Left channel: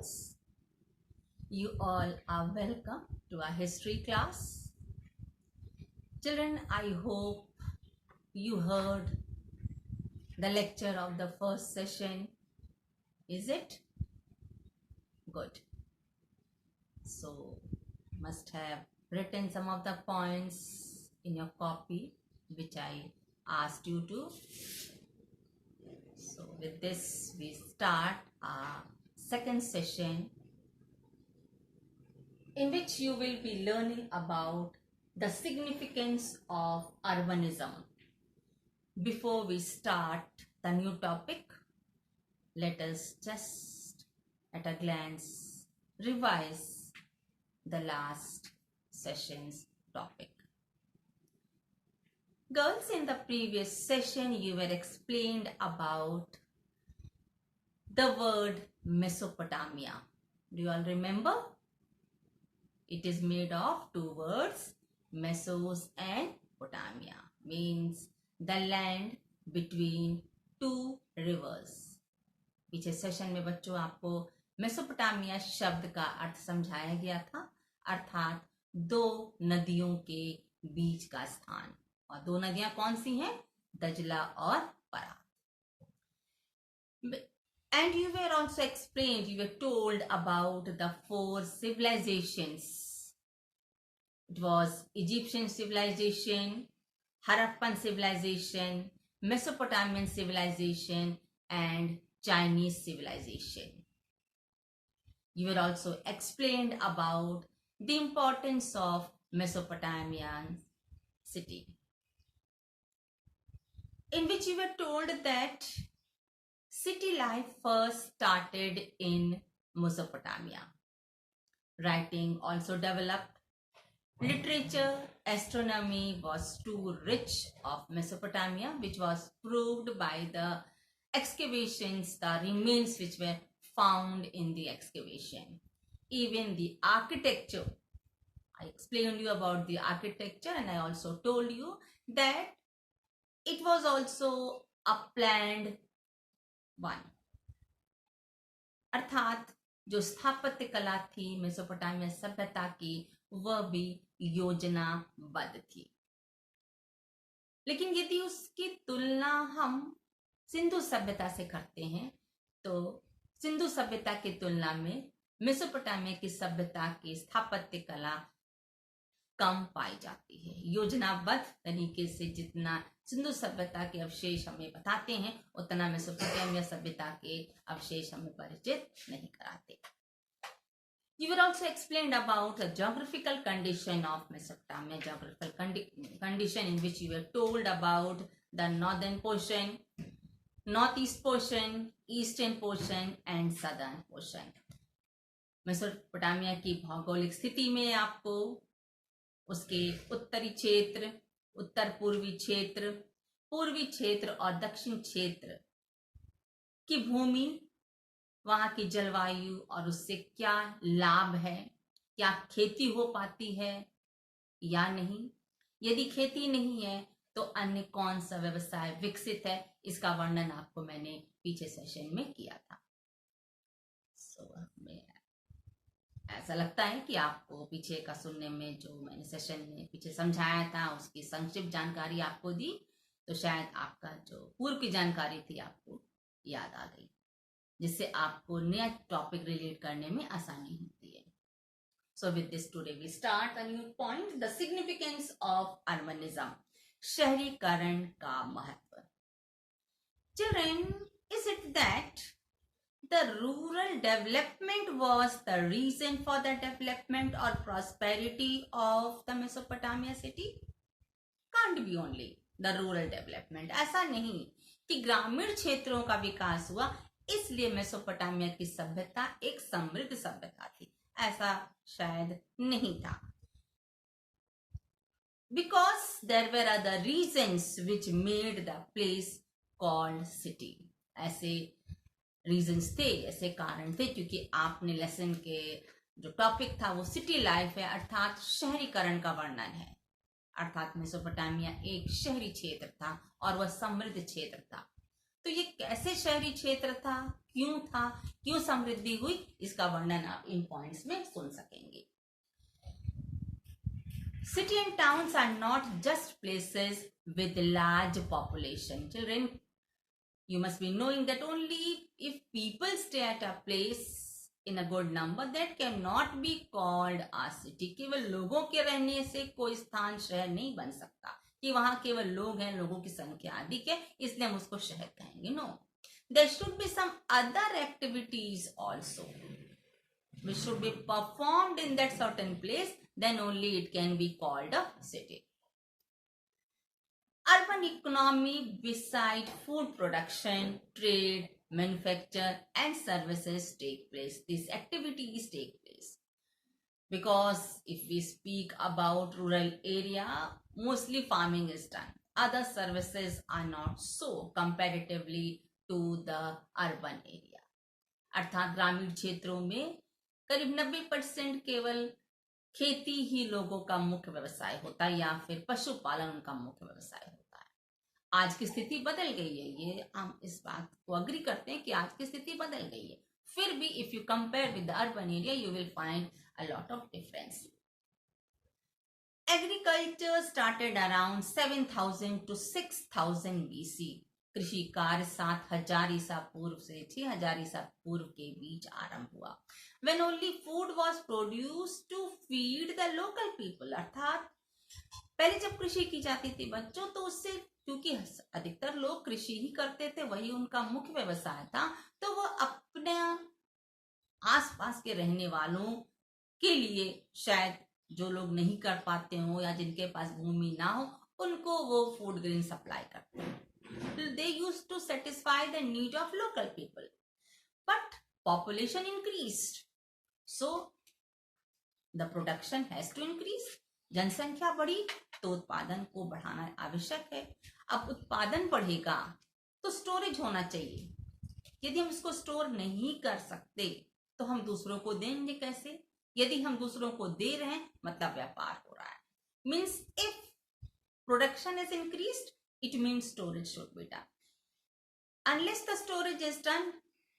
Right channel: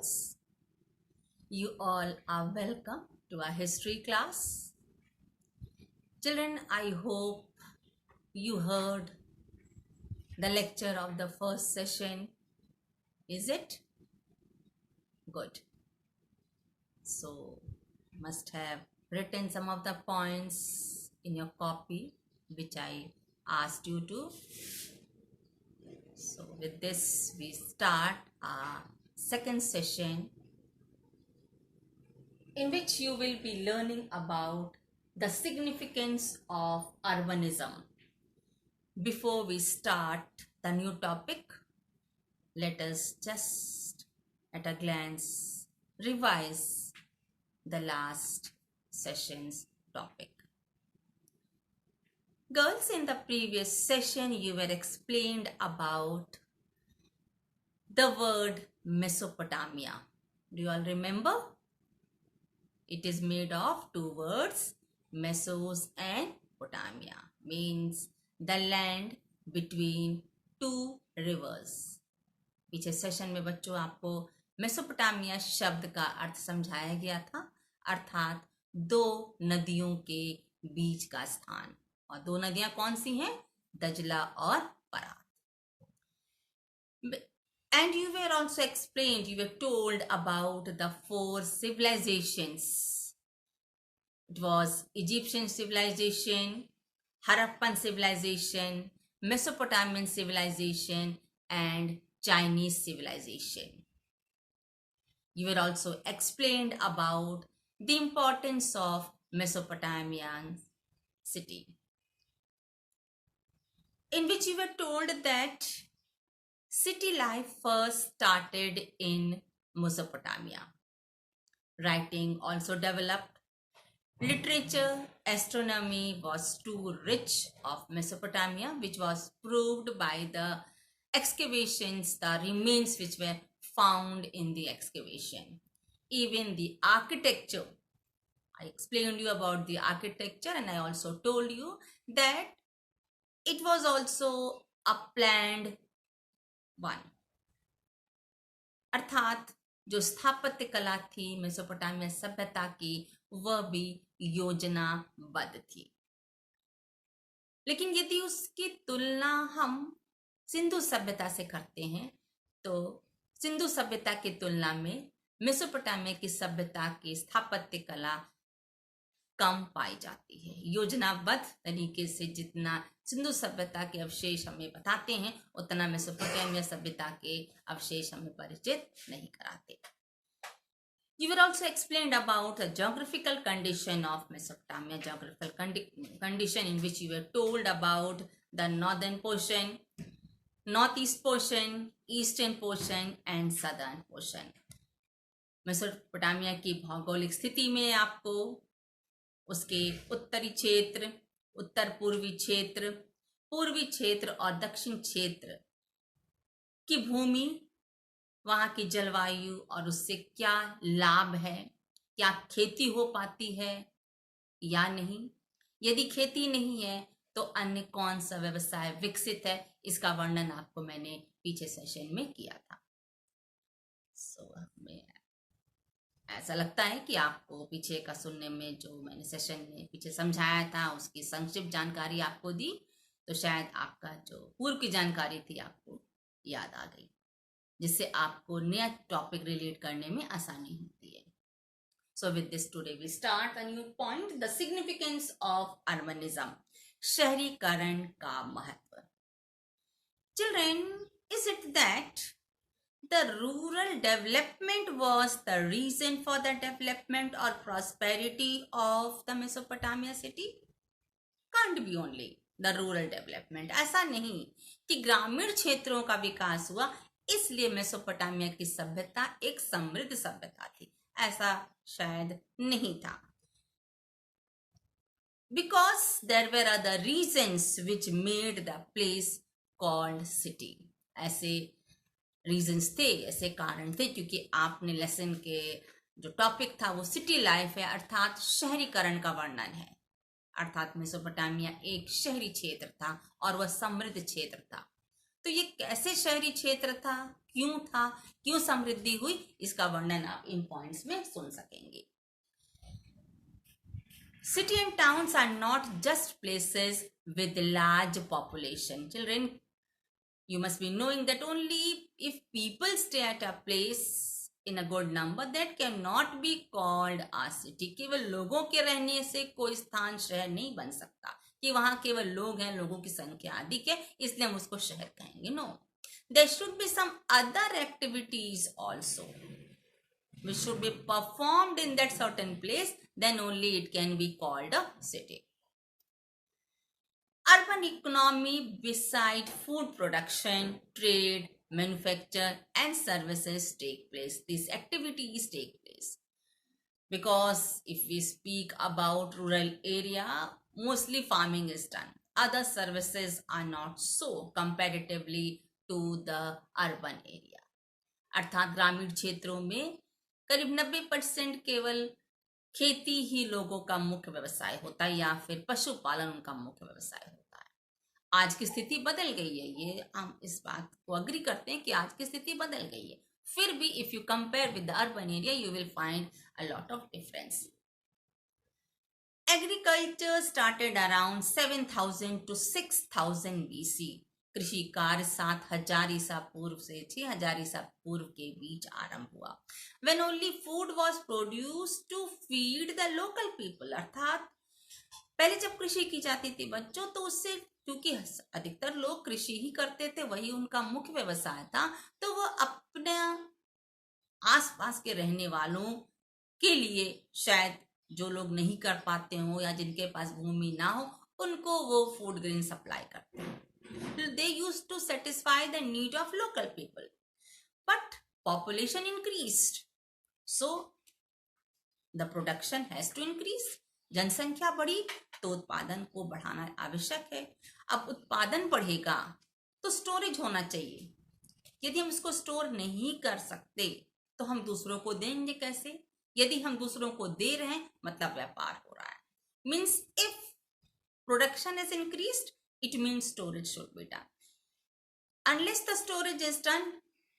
girls. You all are welcome to our history class. Children, I hope you heard the lecture of the first session. Is it? Good. So, must have written some of the points in your copy which I asked you to. So, with this, we start our second session, in which you will be learning about the significance of urbanism. Before we start the new topic, let us just at a glance revise the last session's topic. Girls, in the previous session you were explained about the word Mesopotamia. Do you all remember? It is made of two words, Mesos and Potamia, means the land between two rivers. पीछे session में बच्चों आपको Mesopotamia शब्द का अर्थ समझाया गया था, अर्थात दो नदियों के बीच का स्थान। और दो नदियां कौन सी हैं? दजला और फरात। And you were also explained, you were told about the four civilizations. It was Egyptian civilization, Harappan civilization, Mesopotamian civilization, and Chinese civilization. You were also explained about the importance of Mesopotamian city, in which you were told that city life first started in Mesopotamia. Writing also developed. Literature, astronomy was too rich of Mesopotamia, which was proved by the excavations, the remains which were found in the excavation. Even the architecture, I explained you about the architecture, and I also told you that it was also a planned one. अर्थात जो स्थापत्य कला थी Mesopotamia सभ्यता की, वह भी योजनाबद्ध थी। लेकिन यदि उसकी तुलना हम सिंधु सभ्यता से करते हैं तो सिंधु सभ्यता की तुलना में मेसोपोटामिया की सभ्यता की स्थापत्य कला कम पाई जाती है। योजनाबद्ध तरीके से जितना सिंधु सभ्यता के अवशेष हमें बताते हैं, उतना मेसोपोटामिया सभ्यता के अवशेष हमें परिचित नहीं कराते। You were also explained about the geographical condition of Mesopotamia, geographical condition in which you were told about the northern portion, northeast portion, eastern portion and southern portion. Mesopotamia की भौगोलिक स्थिति में आपको उसके उत्तरी क्षेत्र, उत्तर पूर्वी क्षेत्र, पूर्वी क्षेत्र और दक्षिण क्षेत्र की भूमि, वहां की जलवायु और उससे क्या लाभ है, क्या खेती हो पाती है या नहीं, यदि खेती नहीं है तो अन्य कौन सा व्यवसाय विकसित है, इसका वर्णन आपको मैंने पीछे सेशन में किया था। ऐसा लगता है कि आपको पीछे का सुनने में जो मैंने सेशन में पीछे समझाया था उसकी संक्षिप्त जानकारी आपको दी, तो शायद आपका जो पूर्व की जानकारी थी आपको याद आ गई, जिससे आपको नया टॉपिक रिलेट करने में आसानी होती है। So with this today we start a new point, the significance of urbanism, शहरीकरण का महत्व। Children, is it that the rural development was the reason for the development or prosperity of the Mesopotamia city? Can't be only the rural development. ऐसा नहीं कि ग्रामीण क्षेत्रों का विकास हुआ इसलिए मेसोपोटामिया की सभ्यता एक समृद्ध सभ्यता थी, ऐसा शायद नहीं था। Because there were other reasons which made the place called city. ऐसे रीजंस थे, ऐसे कारण थे, क्योंकि आपने लेसन के जो टॉपिक था वो सिटी लाइफ है, अर्थात शहरीकरण का वर्णन है। अर्थात मेसोपोटामिया एक शहरी क्षेत्र था और वह समृद्ध क्षेत्र था। तो ये कैसे शहरी क्षेत्र था, क्यों समृद्धि हुई, इसका वर्णन आप इन पॉइंट्स में सुन सकेंगे. City and towns are not just places with large population. Children, you must be knowing that only if people stay at a place in a good number, that cannot be called a city. केवल लोगों के रहने से कोई स्थान शहर नहीं बन सकता कि वहां केवल लोग हैं, लोगों की संख्या अधिक है इसलिए हम उसको शहर कहेंगे. No, there should be some other activities also which should be performed in that certain place, then only it can be called a city. Urban economy, beside food production, trade, manufacture and services take place. These activities take place. Because if we speak about rural area, mostly farming is done. Other services are not so comparatively to the urban area. अर्थात ग्रामीण क्षेत्रों में करीब 90% केवल खेती ही लोगों का मुख्य व्यवसाय होता है या फिर पशुपालन उनका मुख्य व्यवसाय होता है. आज की स्थिति बदल गई है, ये हम इस बात को अग्री करते हैं कि आज की स्थिति बदल गई है. फिर भी if you compare with the urban area you will find a lot of difference. Agriculture started around 7000 to 6000 BC. कृषि कार्य 7000 ईसा पूर्व से 6000 ईसा पूर्व के बीच आरंभ हुआ. When only food was produced to feed the local people. अर्थात पहले जब कृषि की जाती थी बच्चों, तो उससे क्योंकि अधिकतर लोग कृषि ही करते थे, वही उनका मुख्य व्यवसाय था, तो वो अपने आसपास के रहने वालों के लिए, शायद जो लोग नहीं कर पाते हो या जिनके पास भूमि ना हो, उनको वो फूड ग्रेन सप्लाई करते हैं. They used to satisfy the need of local people, but population increased, so the production has to increase. जनसंख्या बढ़ी तो उत्पादन को बढ़ाना आवश्यक है. अब उत्पादन बढ़ेगा तो स्टोरेज होना चाहिए. यदि हम इसको स्टोर नहीं कर सकते तो हम दूसरों को देंगे कैसे? यदि हम दूसरों को दे रहे हैं मतलब व्यापार हो रहा है. Means if production is increased, it means storage should be done. Unless the storage is done,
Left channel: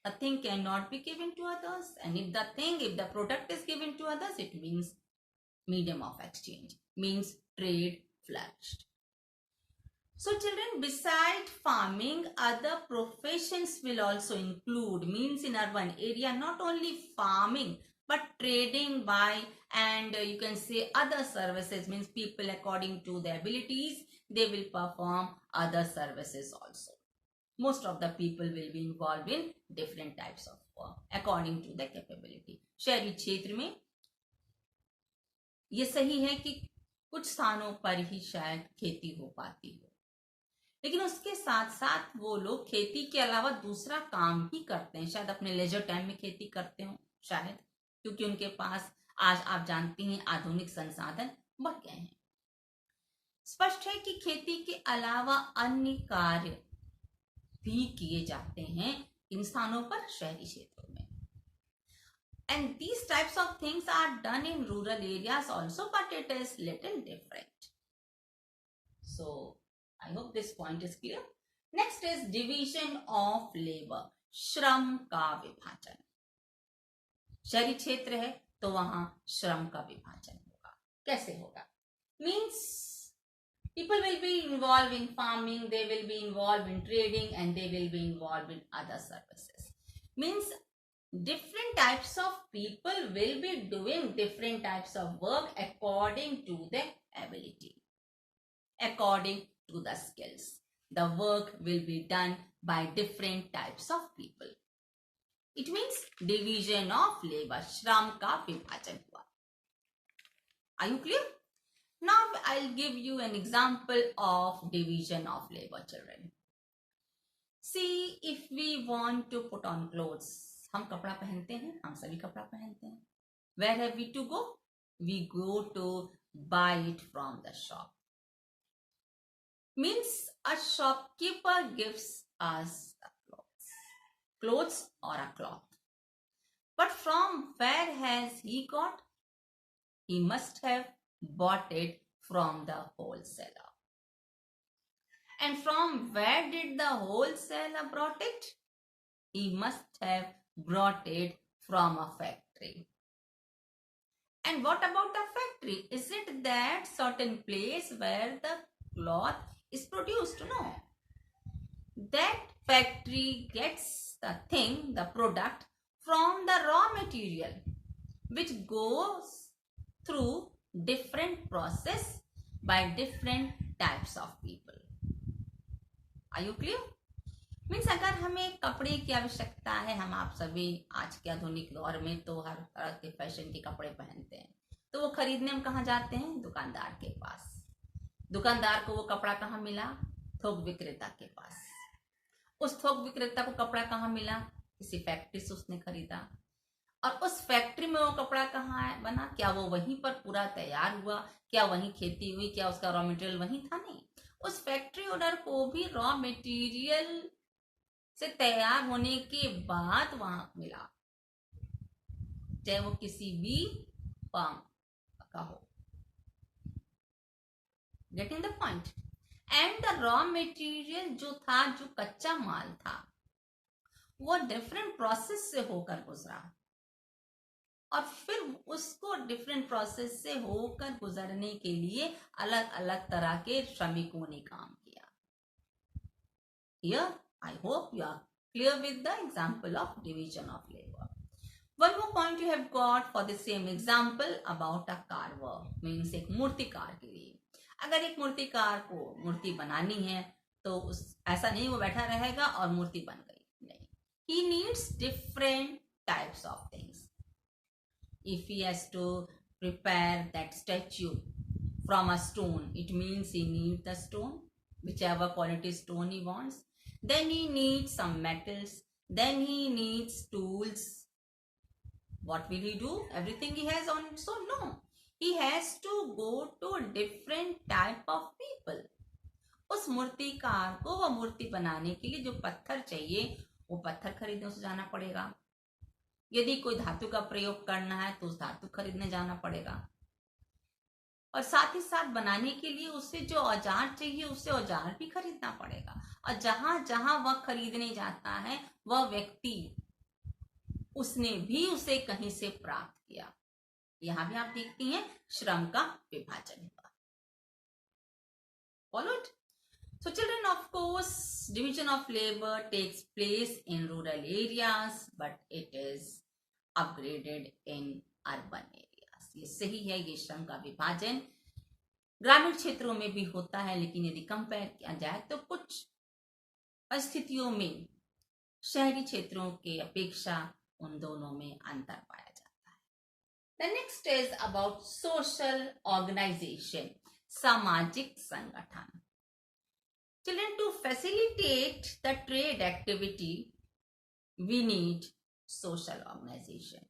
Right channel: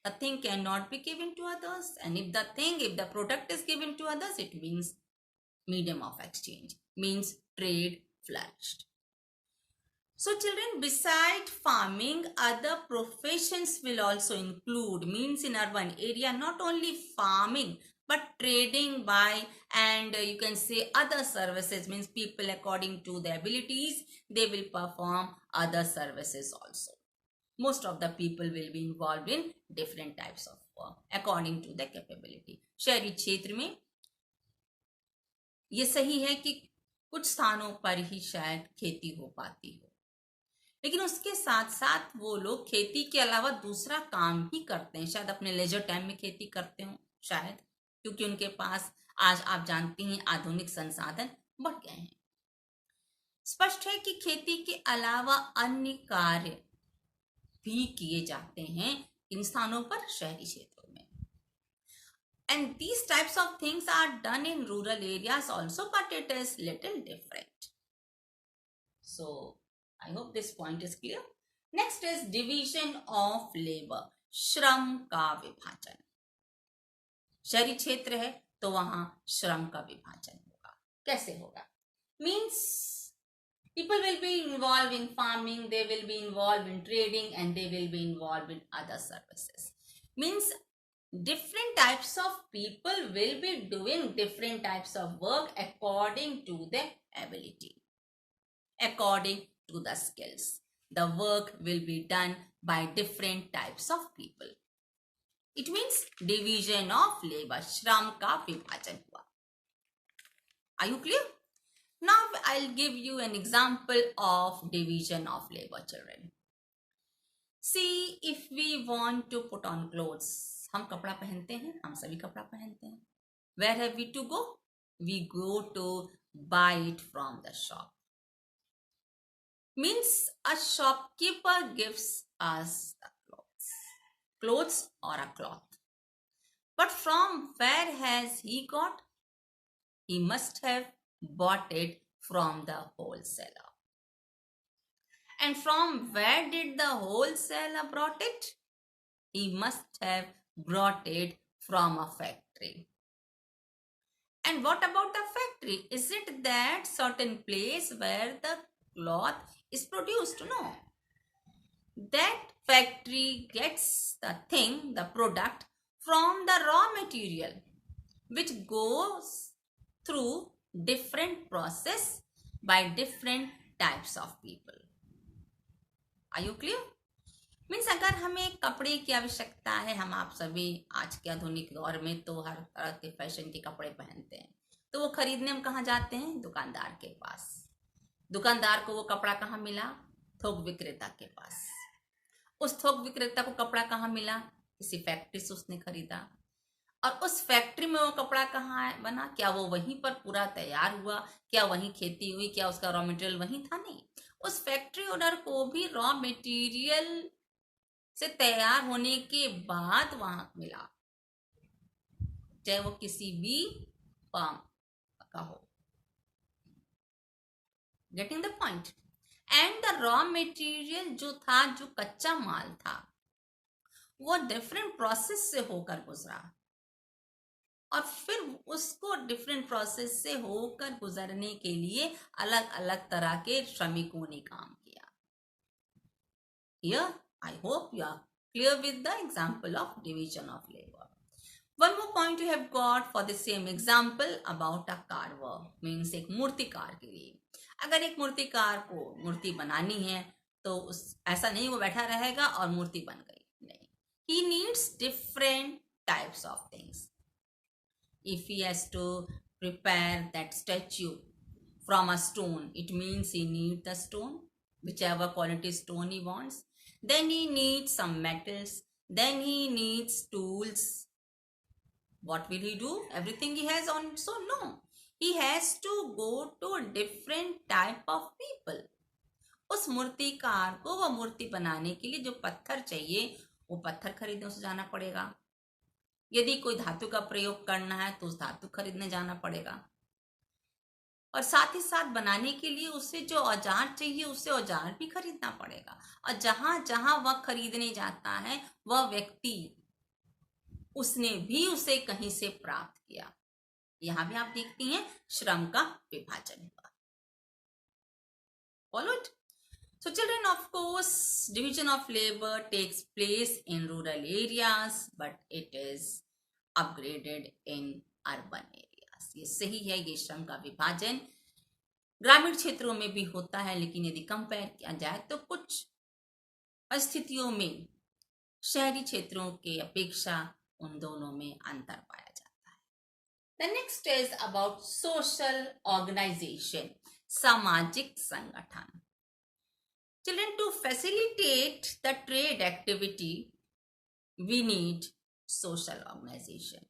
a thing cannot be given to others. And if the product is given to others, it means medium of exchange, means trade flourished. So children, beside farming, other professions will also include, means in urban area, not only farming, but trading by, and you can say other services, means people according to their abilities, they will perform other services also. Most of the people will be involved in different types of work according to their capability. शहरी क्षेत्र में ये सही है कि कुछ स्थानों पर ही शायद खेती हो पाती हो, लेकिन उसके साथ साथ वो लोग खेती के अलावा दूसरा काम भी करते हैं. शायद अपने लेजर टाइम में खेती करते हो, शायद क्योंकि उनके पास आज आप जानते हैं आधुनिक संसाधन बढ़ गए हैं. स्पष्ट है कि खेती के अलावा अन्य कार्य भी किए जाते हैं इन स्थानों पर, शहरी क्षेत्रों में. And these types of things are done in rural areas also, but it is little different. So I hope this point is clear. Next is division of labor. श्रम का विभाजन. शहरी क्षेत्र है तो वहां श्रम का विभाजन होगा. कैसे होगा? Means people will be involved in farming, they will be involved in trading, and they will be involved in other services. Means different types of people will be doing different types of work according to their ability, according to the skills. The work will be done by different types of people. It means division of labor. श्रम का विभाजन हुआ. Are you clear? Now I'll give you an example of division of labor, children. See, if we want to put on clothes, हम कपड़ा पहनते हैं, हम सभी कपड़ा पहनते हैं. Where have we to go? We go to buy it from the shop. Means a shopkeeper gives us the clothes or a cloth. But from where has he got? He must have bought it from the wholesaler. And from where did the wholesaler brought it? He must have brought it from a factory. And what about the factory? Is it that certain place where the cloth is produced? No. That factory gets the thing, the product, from the raw material, which goes through different process by different types of people. Are you clear? Means अगर हमें कपड़े की आवश्यकता है, हम आप सभी आज के आधुनिक दौर में तो हर तरह के फैशन के कपड़े पहनते हैं, तो वो खरीदने हम कहाँ जाते हैं? दुकानदार के पास। दुकानदार को वो कपड़ा कहाँ मिला? थोक विक्रेता के पास। उस थोक विक्रेता को कपड़ा कहाँ मिला? किसी फैक्ट्री से उसने खरीदा। और उस फैक्ट्री में वो कपड़ा कहाँ बना? क्या वो वहीं पर पूरा तैयार हुआ? क्या वहीं खेती हुई? क्या उसका रॉ मटेरियल वहीं था? नहीं, उस फैक्ट्री ओनर को भी रॉ मटेरियल से तैयार होने के बाद वहां मिला, चाहे वो किसी भी फर्म का हो। Getting the point? And the raw material जो था, जो कच्चा माल था, वो डिफरेंट प्रोसेस से होकर गुजरा और फिर उसको डिफरेंट प्रोसेस से होकर गुजरने के लिए अलग अलग तरह के श्रमिकों ने काम किया। Here, I hope you are clear with the example of division of labor. One more point you have got for the same example about a carver, means एक मूर्तिकार के लिए। अगर एक मूर्तिकार को मूर्ति बनानी है तो ऐसा नहीं वो बैठा रहेगा और मूर्ति बन गई, नहीं। He needs different types of things. If he has to prepare that statue from a stone, it means he needs the stone, whichever quality stone he wants. Then he needs some metals. Then he needs tools. What will he do? Everything he has on its own? No. He has to go to a different type of people. उस मूर्तिकार को वो मूर्ति बनाने के लिए जो पत्थर चाहिए, वो पत्थर खरीदने उसे जाना पड़ेगा। यदि कोई धातु का प्रयोग करना है तो उस धातु खरीदने जाना पड़ेगा। और साथ ही साथ बनाने के लिए उसे जो औजार चाहिए, उसे औजार भी खरीदना पड़ेगा। और जहां जहां वह खरीदने जाता है, वह व्यक्ति उसने भी उसे कहीं से प्राप्त किया। यहां भी आप देखती हैं श्रम का विभाजन हुआ। Followed? So children, of course, division of labor takes place in rural areas, but it is upgraded in urban areas. ये सही है, ये श्रम का विभाजन ग्रामीण क्षेत्रों में भी होता है, लेकिन यदि कंपेयर किया जाए तो कुछ परिस्थितियों में शहरी क्षेत्रों के अपेक्षा उन दोनों में अंतर पाया जाता है। The next is about social organization, सामाजिक संगठन। Children, to facilitate the trade activity, we need social organization.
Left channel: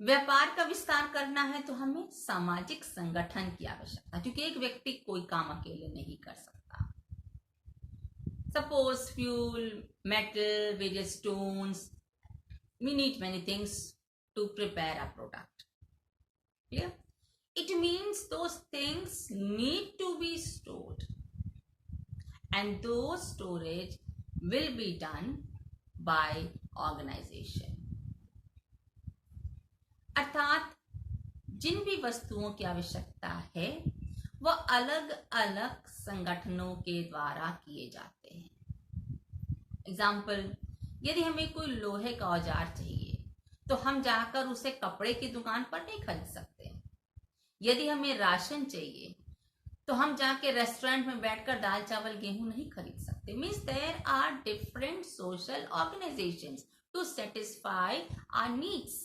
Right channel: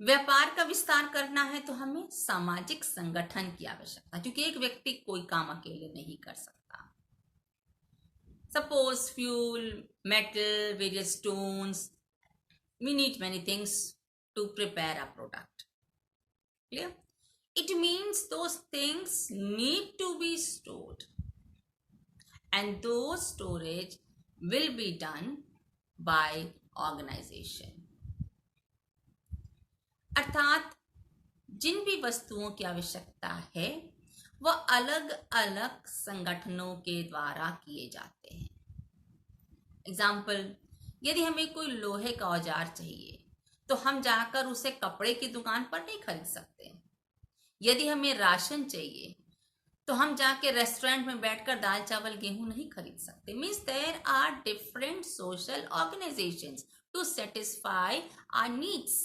व्यापार का विस्तार करना है तो हमें सामाजिक संगठन की आवश्यकता है, क्योंकि एक व्यक्ति कोई काम अकेले नहीं कर सकता। Suppose fuel, metal, various stones, we need many things to prepare a product. Clear? It means those things need to be stored. And those storage will be done by organization. अर्थात जिन भी वस्तुओं की आवश्यकता है वह अलग अलग संगठनों के द्वारा किए जाते हैं। एग्जाम्पल, यदि हमें कोई लोहे का औजार चाहिए तो हम जाकर उसे कपड़े की दुकान पर नहीं खरीद सकते। यदि हमें राशन चाहिए तो हम जाके रेस्टोरेंट में बैठकर दाल चावल गेहूं नहीं खरीद सकते। Means there are different social organisations to satisfy our needs.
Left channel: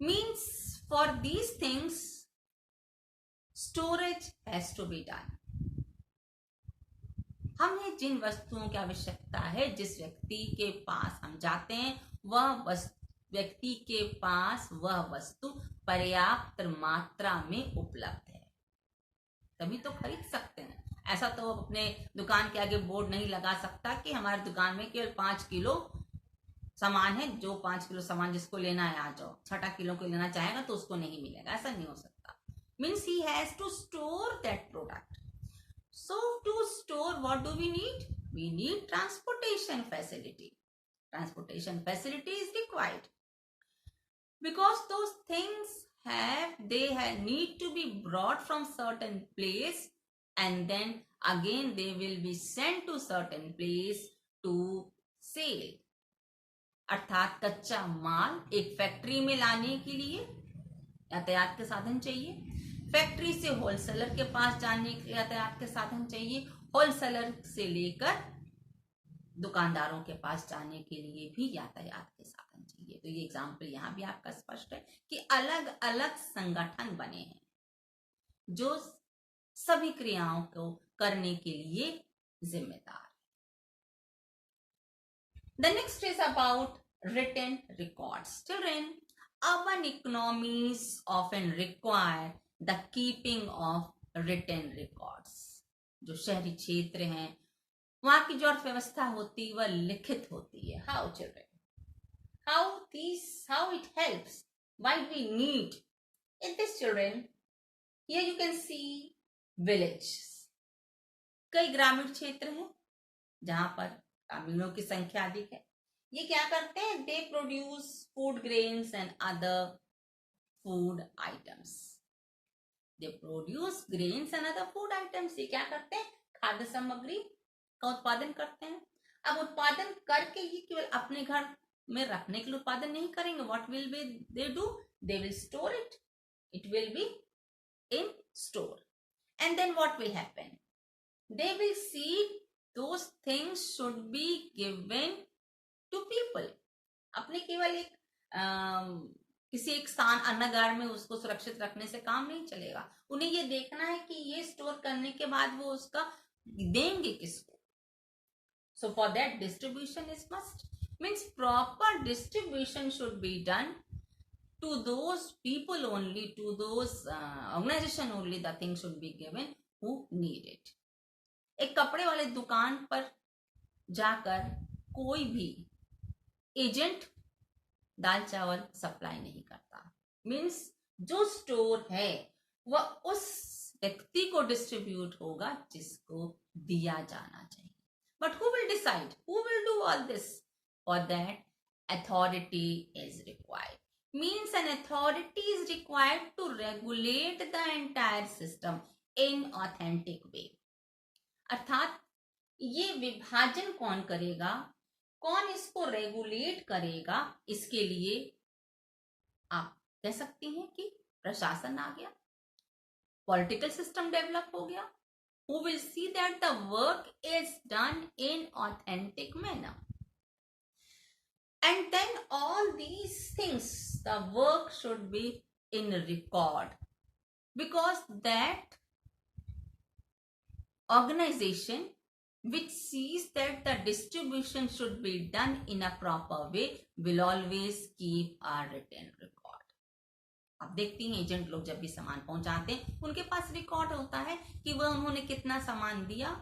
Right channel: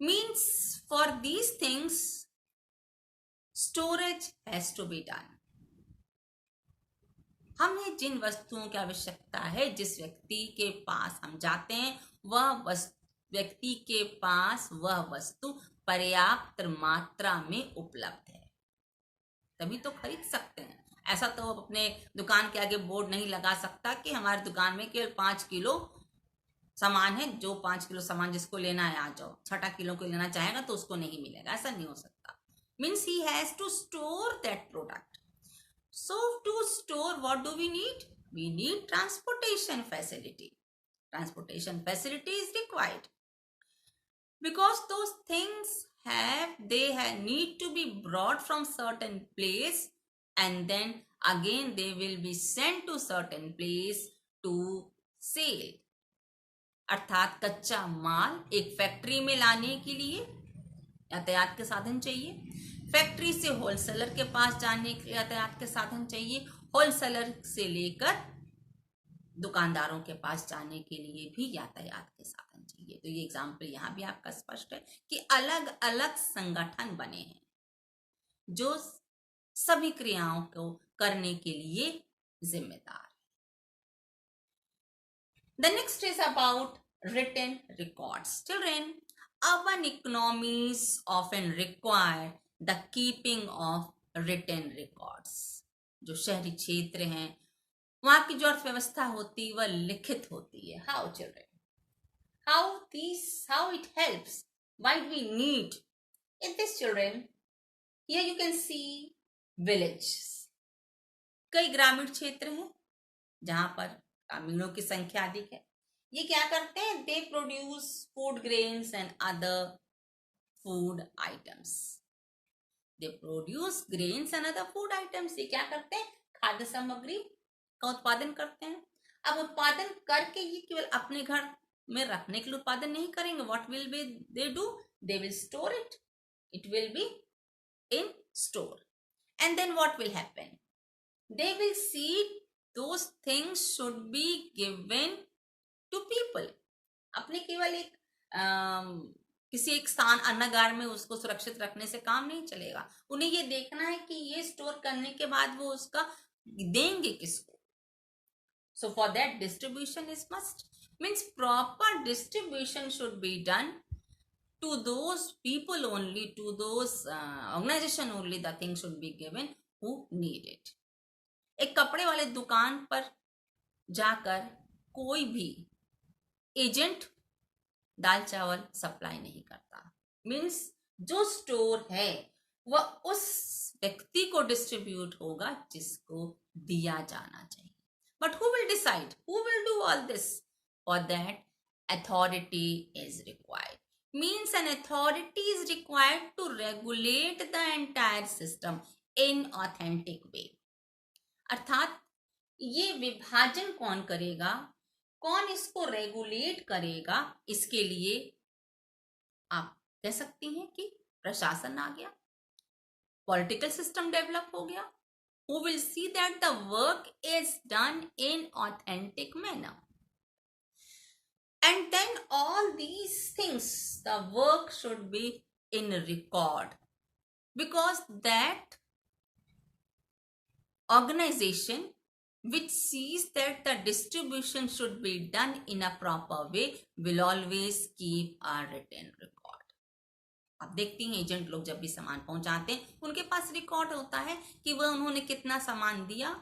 Means for these things storage has to be done. हमें जिन वस्तुओं की आवश्यकता है, जिस व्यक्ति के पास हम जाते हैं, वह व्यक्ति के पास वह वस्तु पर्याप्त मात्रा में उपलब्ध है, तभी तो खरीद सकते हैं। ऐसा तो अपने दुकान के आगे बोर्ड नहीं लगा सकता कि हमारी दुकान में केवल 5 किलो सामान है, जो 5 किलो सामान जिसको लेना है आ जाओ, 6 किलो को लेना चाहेगा तो उसको नहीं मिलेगा, ऐसा नहीं हो सकता। Means he has to store that product. So to store, what do we need? We need transportation facility. Transportation facility is required because those things need to be brought from certain place, and then again they will be sent to certain place to sale. अर्थात कच्चा माल एक factory में लाने के लिए यातायात के साधन चाहिए, फैक्ट्री से होलसेलर के पास जाने के लिए यातायात के साधन चाहिए, होलसेलर से लेकर दुकानदारों के पास जाने के लिए भी यातायात के साधन चाहिए। तो ये एग्जाम्पल यहाँ भी आपका स्पष्ट है कि अलग अलग संगठन बने हैं जो सभी क्रियाओं को करने के लिए जिम्मेदार है। The next is about written records. Children, urban economies often require the keeping of written records. जो शहरी क्षेत्र हैं वहां की जो अर्थव्यवस्था होती है वह लिखित होती है. How, children? How it helps? Why we need? In this, children, here you can see villages. कई ग्रामीण क्षेत्र हैं जहां पर ग्रामीणों की संख्या अधिक है. ये क्या करते हैं? They produce food grains and other food items. They produce grains and other food items. ये क्या करते हैं? खाद्य सामग्री का उत्पादन करते हैं. अब उत्पादन करके ये केवल अपने घर में रखने के लिए उत्पादन नहीं करेंगे. What will be they do? They will store it. It will be in store. And then what will happen? They will see those things should be given to people. अपने केवल एक किसी एक स्थान अन्नगार में उसको सुरक्षित रखने से काम नहीं चलेगा. उन्हें ये देखना है कि ये स्टोर करने के बाद वो उसका देंगे किसको. So for that distribution is must. Means proper distribution should be done to those people only, to those organization only. The thing should be given who need it. एक कपड़े वाले दुकान पर जाकर कोई भी एजेंट दाल चावल सप्लाई नहीं करता. मीन्स जो स्टोर है वह उस व्यक्ति को डिस्ट्रीब्यूट होगा जिसको दिया जाना चाहिए. But who will decide? Who will do all this? For that authority is required. Means an authority is required to regulate the entire system in authentic way. अर्थात ये विभाजन कौन करेगा, कौन इसको रेगुलेट करेगा, इसके लिए आप कह सकती हैं कि प्रशासन आ गया, पॉलिटिकल सिस्टम डेवलप हो गया. Who will see that the work is done in authentic manner. And then all these things, the work should be in record, because that organization which sees that the distribution should be done in a proper way will always keep a written record. आप देखती हैं agent लोग जब भी सामान पहुंचाते हैं उनके पास रिकॉर्ड होता है कि वह उन्होंने कितना सामान दिया,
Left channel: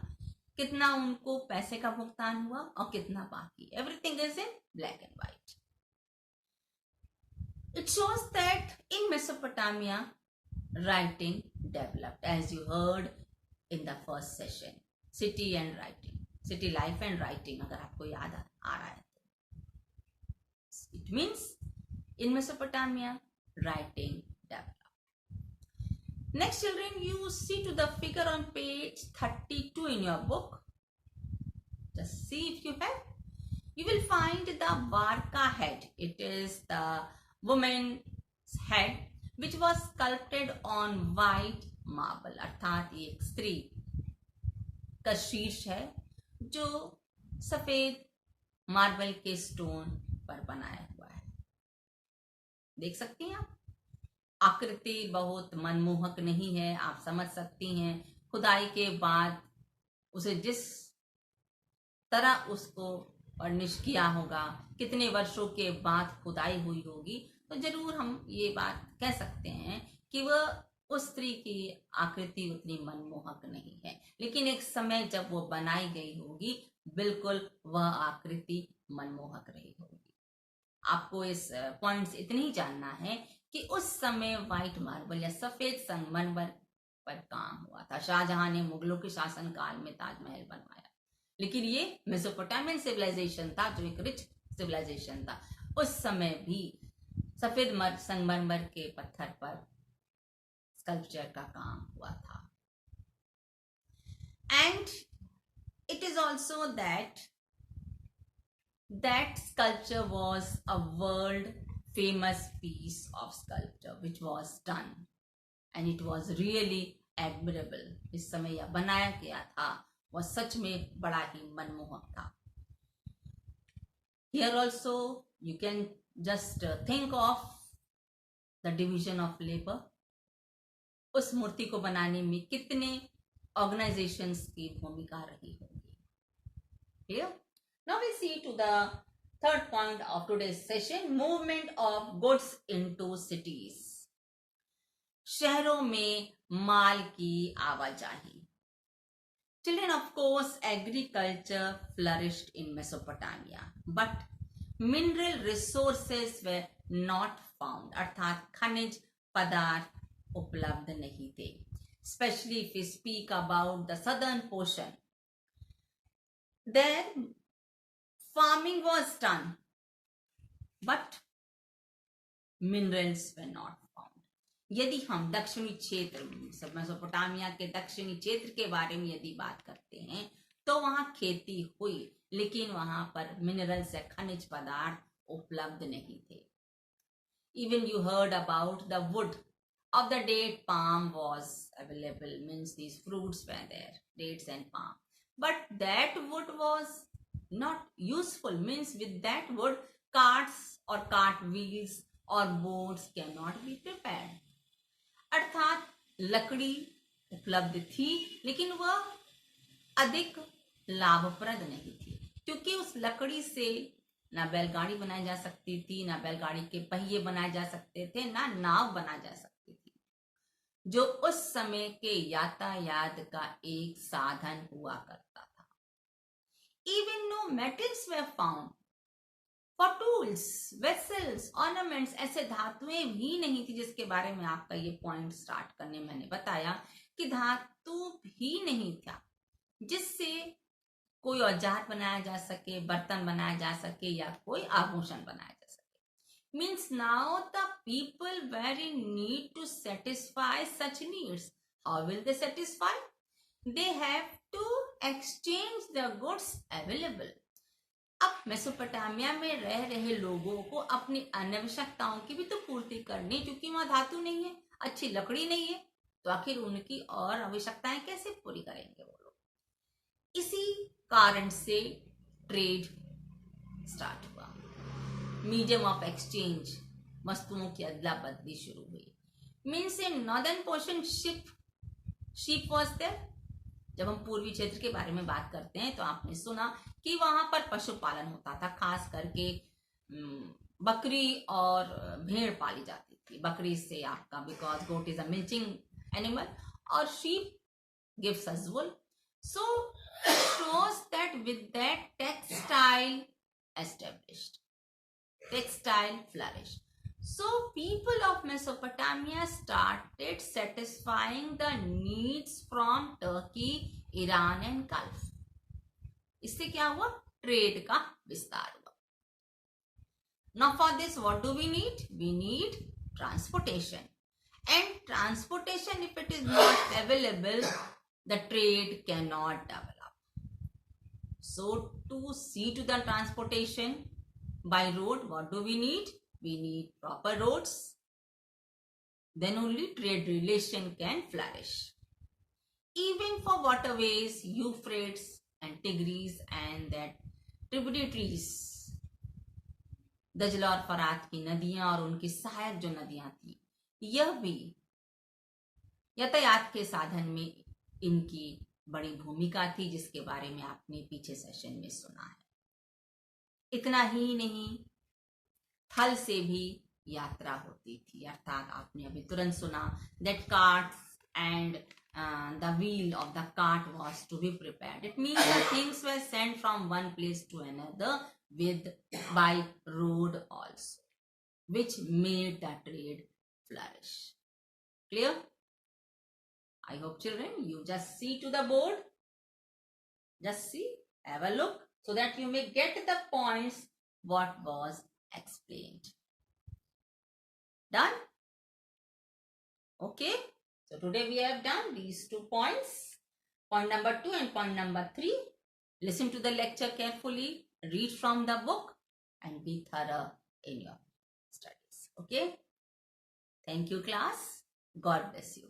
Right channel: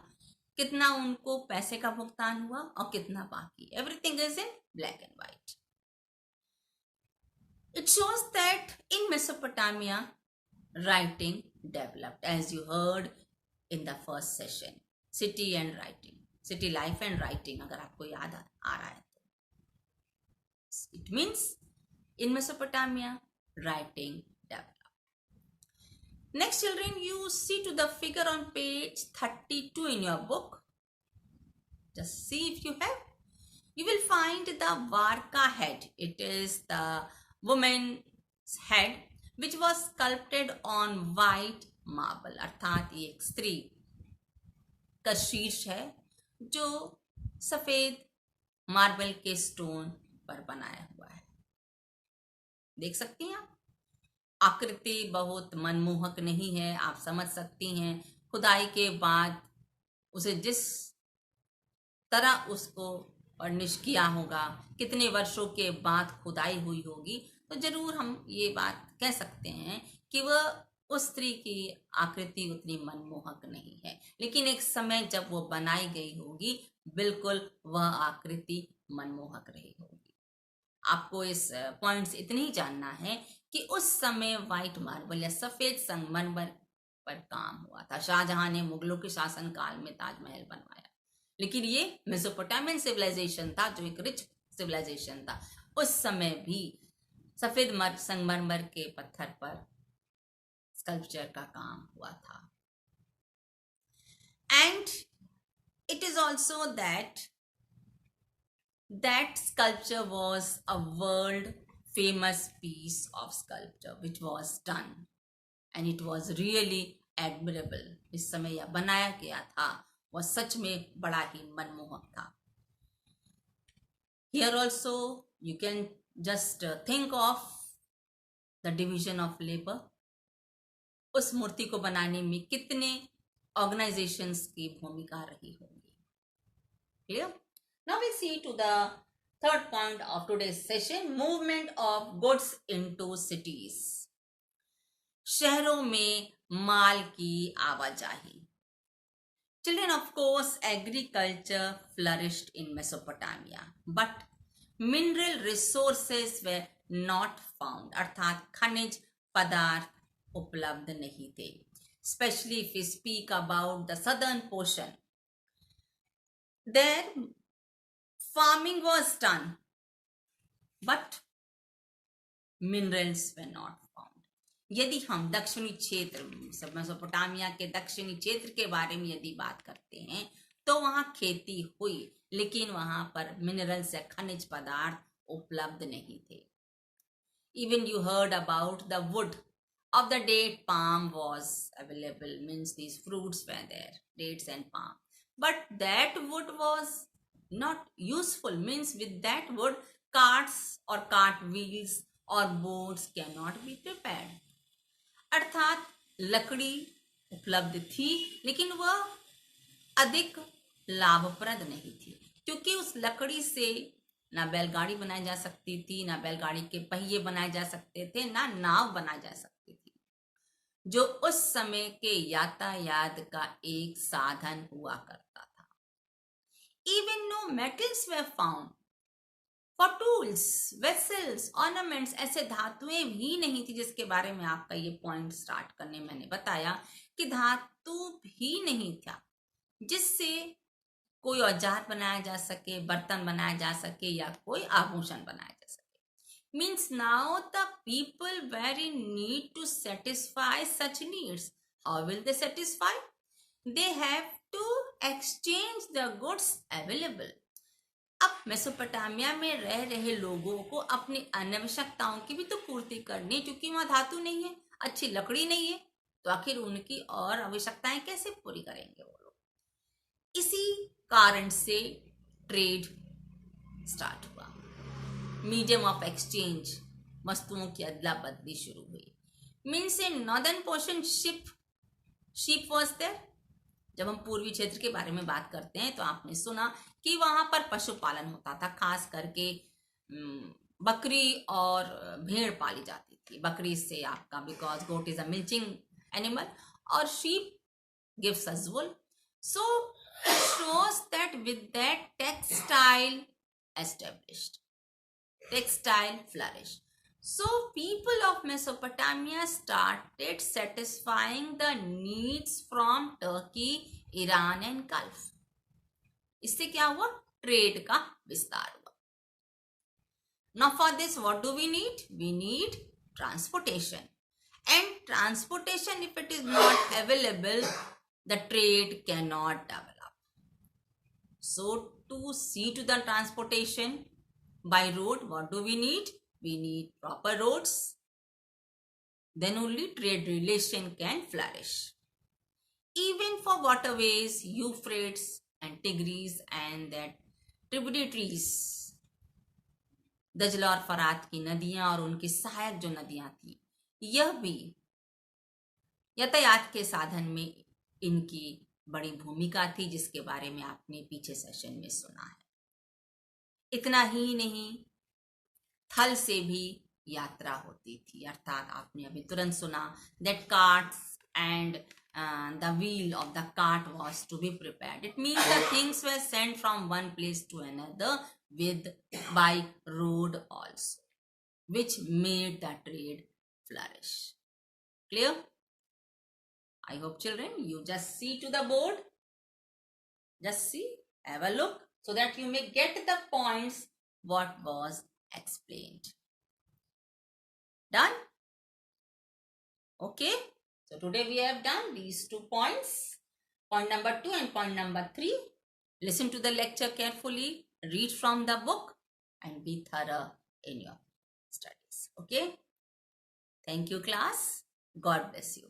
कितना उनको पैसे का भुगतान हुआ और कितना बाकी. Everything is in black and white. It shows that in Mesopotamia writing developed, as you heard in the first session. City and writing, city life and writing, अगर आपको याद आ रहा है तो. It means in Mesopotamia writing developed. Next, children, you see to the figure on page 32 in your book. Just see if you have. You will find the Varka head. It is the woman's head which was sculpted on white marble. अर्थात ये एक स्त्री का शीर्ष है जो सफेद marble के स्टोन पर बनाया हुआ है. देख सकती हैं आप. आकृति बहुत मनमोहक नहीं है. आप समझ सकती हैं खुदाई के बाद उसे जिस तरह उसको फर्निश किया होगा, कितने वर्षों के बाद खुदाई हुई होगी, तो जरूर हम ये बात कह सकते हैं कि वह उस स्त्री की आकृति उतनी मनमोहक नहीं है. लेकिन एक समय जब वो बनाई गई होगी बिल्कुल वह आकृति मनमोहक रही होगी. आपको इस पॉइंट्स इतने ही जानना है कि उस समय व्हाइट मार्बल या सफेद संगमरमर पर काम हुआ था। शाहजहां ने मुगलों के शासनकाल में ताजमहल बनवाया, लेकिन ये मेसोपोटामियन सिविलाइजेशन था जो एक रिच सिविलाइजेशन था। उस समय भी सफेद संगमरमर के पत्थर पर स्कल्पचर का काम हुआ था। And it is also that sculpture was a world famous piece of sculpture which was done and it was really admirable. इस समय यह बनाया गया था, वह सच में बड़ा ही मनमोहक था। Here also you can just think of the division of labor. उस मूर्ति को बनाने में कितने ऑर्गेनाइजेशंस की भूमिका रही होगी। Clear? Now we see to the third point of today's session, movement of goods into cities. शहरों में माल की आवाजाही। Children, of course, agriculture flourished in Mesopotamia, but mineral resources were not found. अर्थात खनिज पदार्थ उपलब्ध नहीं थे। Especially if we speak about the southern portion, there farming was done, but minerals were not found. यदि हम दक्षिणी क्षेत्र मेसोपोटामिया के दक्षिणी क्षेत्र के बारे में यदि बात करते हैं तो वहां खेती हुई, लेकिन वहां पर मिनरल्स या खनिज पदार्थ उपलब्ध नहीं थे। Even you heard about the wood of the date palm was available, means these fruits were there, dates and palm, but that wood was not useful, means with that wood carts or cart wheels or boats cannot be prepared. अर्थात लकड़ी उपलब्ध थी लेकिन वह अधिक लाभप्रद नहीं थी, क्योंकि उस लकड़ी से ना बैलगाड़ी बनाई जा सकती थी, ना बैलगाड़ी के पहिए बनाए जा सकते थे, ना नाव बनाई जा सकती थी, जो उस समय के यातायात का एक साधन हुआ करता था। Even no metals were found for tools, vessels, ornaments. ऐसे धातुएं भी नहीं थी, जिसके बारे में आपका ये पॉइंट स्टार्ट करने मैंने बताया कि धातु भी नहीं था जिससे कोई औजार बनाया जा सके, बर्तन बनाया जा सके या कोई आभूषण बनाया जा सके। Means now the people were in need to satisfy such needs. How will they satisfy? They have to exchange the goods available. अब मेसोपोटामिया में रह रहे लोगों को अपनी आवश्यकताओं की भी तो पूर्ति करनी, क्योंकि वहां धातु नहीं है, अच्छी लकड़ी नहीं है, तो आखिर उनकी और आवश्यकताएं कैसे पूरी करेंगे वो लोग। इसी कारण से ट्रेड स्टार्ट हुआ, मीडियम ऑफ एक्सचेंज, वस्तुओं की अदला बदली शुरू हुई। Means in northern portion ship was there. जब हम पूर्वी क्षेत्र के बारे में बात करते हैं तो आपने सुना कि वहां पर पशुपालन होता था, खास करके बकरी और भेड़ पाली जाती थी। बकरी से आपका, because goat is a milching animal, और sheep gives us wool, so shows that with that textile established, textile flourished. So people of Mesopotamia started satisfying the needs from Turkey, Iran and Gulf. इससे क्या हुआ? Trade का विस्तार हुआ। Now for this what do we need? We need transportation. And transportation, if it is not available, the trade cannot develop. So to see to the transportation by road, what do we need? We need proper roads. Then only trade relation can flourish. Even for waterways, Euphrates and Tigris and that tributaries, दजला और फरात की नदियां और उनकी सहायक जो नदियां थी, यह भी यातायात के साधन में इनकी बड़ी भूमिका थी, जिसके बारे में आपने पीछे सेशन में सुना है। इतना ही नहीं, थल से भी यात्रा होती थी, अर्थात आपने अभी तुरंत सुना that carts and the wheel of the cart was to be prepared. It means the things were sent from one place to another by road also, which made the trade flourish. Clear? I hope children, you just see to the board. Just see, have a look so that you may get the points what was explained. Done? Okay. So today we have done these 2 points. Point number 2 and point number 3. Listen to the lecture carefully. Read from the book and be thorough in your studies. Okay. Thank you, class. God bless you.